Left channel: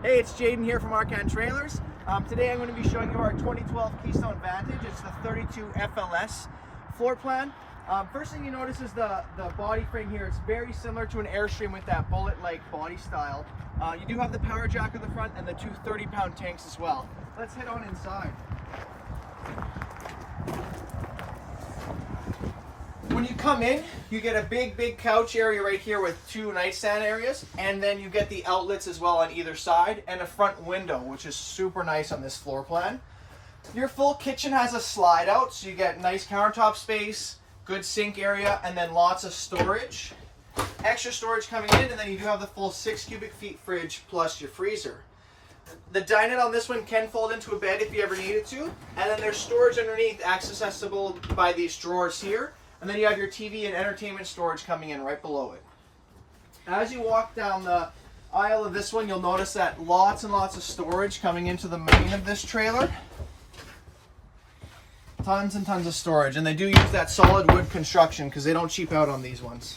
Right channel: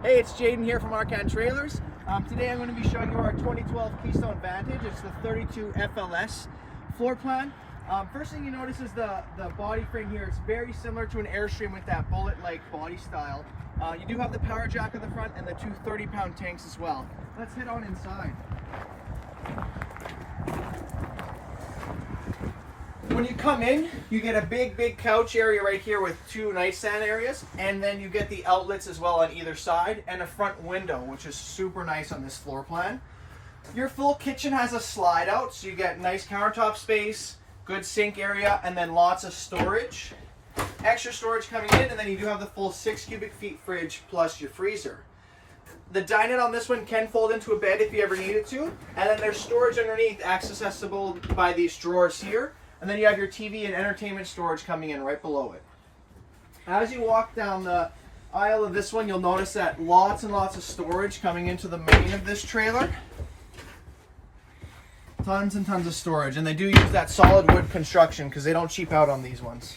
Hey, it's Jaden here from Arcan Trailers. Today I'm going to be showing you our 2012 Keystone Vantage. It's the 32 FLS floor plan. First thing you notice is the body frame here. It's very similar to an Airstream with that bullet-like body style. You do have the power jack on the front and the two 30-pound tanks as well. Let's head on inside. When you come in, you get a big couch area right here with two nightstand areas, and then you get the outlets as well on either side, and a front window, which is super nice on this floor plan. Your full kitchen has a slide out, so you get nice countertop space, good sink area, and then lots of storage. Extra storage coming in, and then you do have the full 6 cubic feet fridge plus your freezer. The dinette on this one can fold into a bed if you ever needed to, and then there's storage underneath, accessible by these drawers here. And then you have your TV and entertainment storage coming in right below it. As you walk down the aisle of this one, you'll notice that lots and lots of storage coming into the main of this trailer. Tons and tons of storage, and they do use that solid wood construction because they don't cheap out on these ones.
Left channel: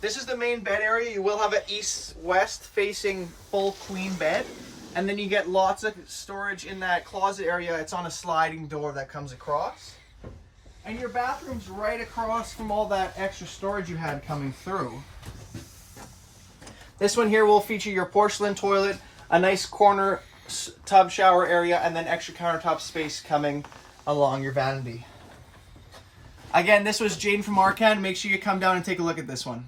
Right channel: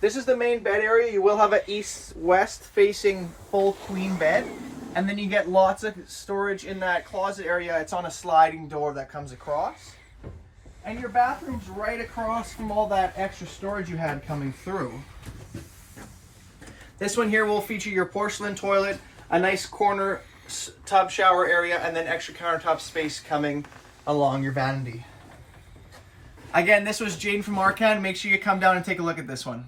This is the main bed area. You will have an east-west facing full queen bed, and then you get lots of storage in that closet area. It's on a sliding door that comes across. And your bathroom's right across from all that extra storage you had coming through. This one here will feature your porcelain toilet, a nice corner tub shower area, and then extra countertop space coming along your vanity. Again, this was Jaden from Arcan. Make sure you come down and take a look at this one.